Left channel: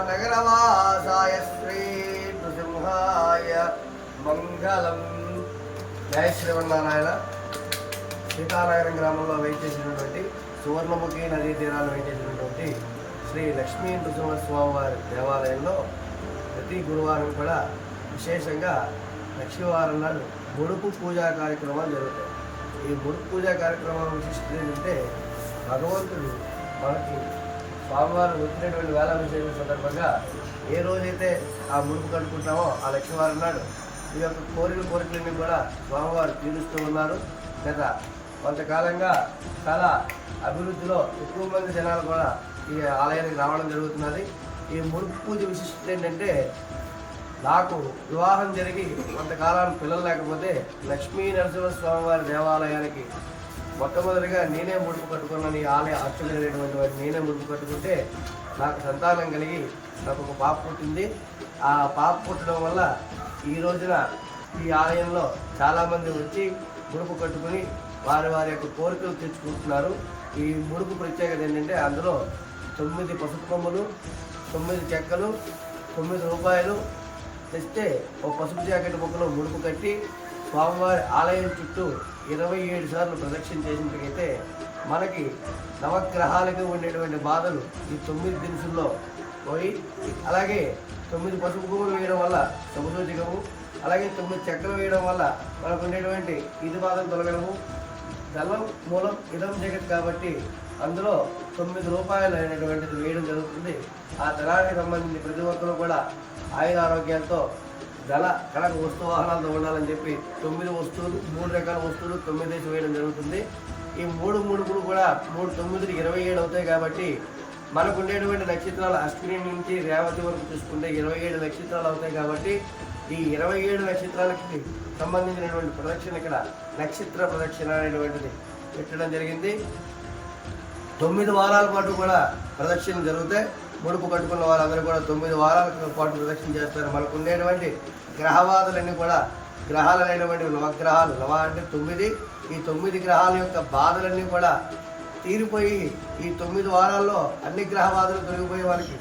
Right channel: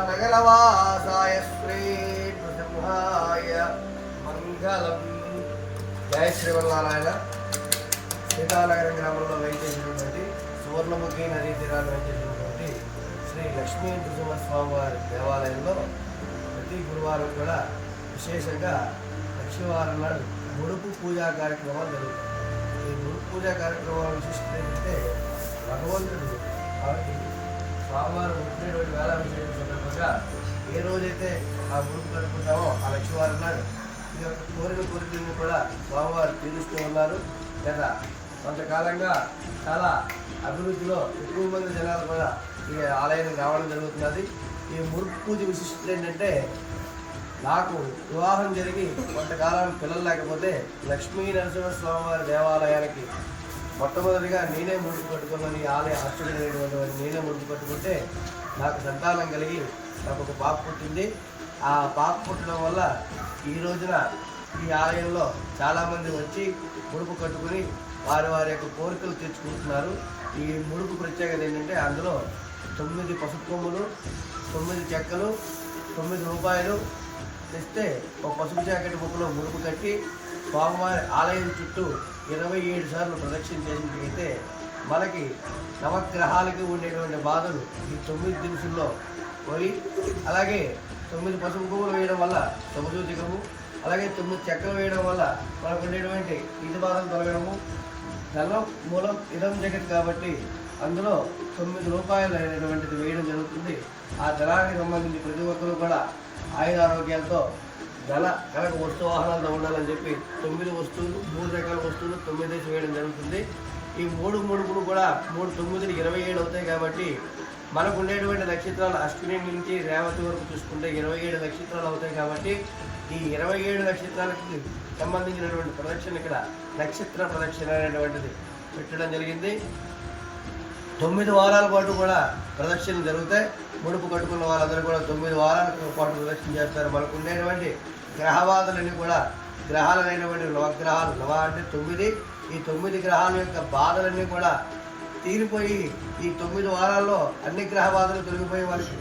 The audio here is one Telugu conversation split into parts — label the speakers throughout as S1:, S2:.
S1: సీతానగరవాసాయ శ్రీ నృసింహాయ మంగళం. జయ శ్రీవన్నారాయణ సీతానగరం గ్రామంలో వేయించేసినటువంటి సువర్ణముఖి నదీ తీరాన్ని వేయించేసినటువంటి శ్రీ లక్ష్మీ నృసింహస్వామి వారి దేవాలయంలో ప్రతి గురువారం కూడా విశేషంగా లక్ష్మీవారం నాడు ముడుపు పూజా కార్యక్రమాలు జరుగుతాయి. ఈ ముడుపు పూజా కార్యక్రమం విశిష్టత ఏంటంటే భగవంతుడు కాబట్టి స్వామివారు వచ్చినటువంటి వేళ విశేషం సందర్భంగా ఏ రోజైతే ఆ ముడుపు కట్టుకుంటామో ఆ లక్ష్మీవారం నాడు ఈ యొక్క కోరిన కోరికలన్నీ కూడా స్వామివారు తీరుస్తూ ఉన్నారు. గత కొంతకాలంగా చాలా అభివృద్ధిలో ఎక్కువ మంది జనాలు కూడా ఈ ఆలయానికి రావడం జరుగుతున్నది. ఈ ముడుపు పూజ విశిష్టత ఏంటంటే నాకు వివాహం జరిగి కొంతకాలం పిల్లలు లేకపోతే లక్ష్మీ నరసింహ స్వామివారి దేవాలయానికి మొట్టమొదటిగా నేనే ముడుపు కట్టుకున్నాను ఈ ఆలయ అర్చకుడైనటువంటి వారిని నేనే ముడుపు కట్టుకుంటే నాకు సంతానం కలిగి నాకు ఒక పాప పుట్టింది. ఆ పాప పుట్టడం వల్ల ఈ రోజున ఈ ఆలయంలో చాలామంది వచ్చి ముడుపు కట్టుకుని వారి వారి యొక్క కోరికలు తీర్చుకుంటున్నారు. ఈ ముడుపు ప్రత్యేకత ఏంటంటే అందులో తొమ్మిది పసుపు కొమ్ములు తొమ్మిది చెక్కలు తొమ్మిది రూపాయలు తెస్తే ఒక పసుపు జాకెట్ ముక్కలో ముడుపు కట్టి స్వామివారి ఆలయం చుట్టూ ఇరవై ఏడు సార్లు ప్రదక్షిణ చేసినట్లయితే మనకి నవగ్రహాలకు ఉండేటువంటి బాధలు ఈ తొమ్మిది దినుసుల్లో పోయి అలాగే తొమ్మిది పసుపు పువ్వులు వేయడం వల్ల శుభసూచికము అలాగే తొమ్మిది చక్కెర వేయడం వల్ల మనకు ఉండేటువంటి ఇది బాధలు తొలగడము. ధనం మూలం ఇదం జగత్ కాబట్టి అందులో తొమ్మిది రూపాయలు అయినటువంటిది వేయడం జరుగుతుంది. ఆ ధనానికి సంబంధించి ప్రతి ఒక్కరూ కూడా ఆయుర ఆరోగ్యాలతో ధన కనుక వస్తు వాహనాలతో ఉండాలని చెప్పి తొమ్మిది వస్తువులు మూడు రకాల వస్తువులు తొమ్మిది వేసి వేయడం జరుగుతుంది. ఈ మూడు మూడుకులు కూడా మూడు తొమ్మిదిలు ఇరవై ఏడు అవుతాయి కాబట్టి మనకు ఉండేటువంటి నక్షత్రాలు అశ్విని నుంచి రేవతి వరకు చూసుకుంటే ఇరవై ఏడు నక్షత్రాలు అవుతాయి కాబట్టి ఈ ఇరవై ఏడు నక్షత్రాలకి సంబంధించినటువంటి ప్రదక్షిణ ఇక్కడ నక్షత్ర ప్రదక్షిణ అనేటువంటిది పెట్టడం జరిగింది. తొమ్మిది వారాల పాటు కూడా ప్రదక్షిణ జరుగుతాయి. ముడుపు కట్టుకున్న వాళ్ళందరూ కూడా తొమ్మిది వారాల పాటు ప్రదక్షిణ చేస్తారు. మనకు ఉండేటువంటి గ్రహబాధలన్నీ కూడా గ్రహాలైనటువంటి నవగ్రహాలు నవ అంటే తొమ్మిది. ఈ తొమ్మిది గ్రహాల యొక్క బాధలన్నీ కూడా తీరిపోయి ఈ తొమ్మిది వారాల్లో అన్ని గ్రహ బాధలు తొలగిపోయే వాళ్ళకి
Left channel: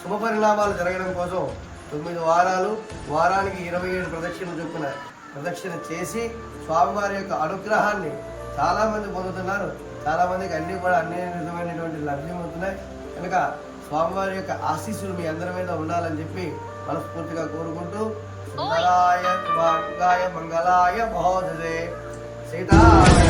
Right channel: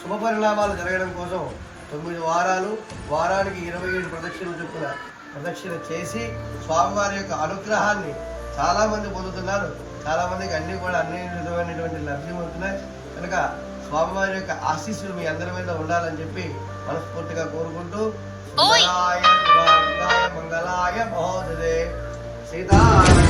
S1: శుభ పరిణామాలు జరగడం కోసం తొమ్మిది వారాలు వారానికి ఇరవై ఏడు ప్రదక్షిణలు చొప్పున ప్రదక్షిణ చేసి స్వామివారి యొక్క అనుగ్రహాన్ని చాలామంది పొందుతున్నారు. చాలామందికి అన్నీ కూడా అన్ని విధమైనటువంటి లభ్యం అవుతున్నాయి. కనుక స్వామివారి యొక్క ఆశీస్సులు మీ అందరి మీద ఉండాలని చెప్పి మనస్ఫూర్తిగా కోరుకుంటూ సుందరాయ మంగళాయ మహోదదే సీతాయ నమః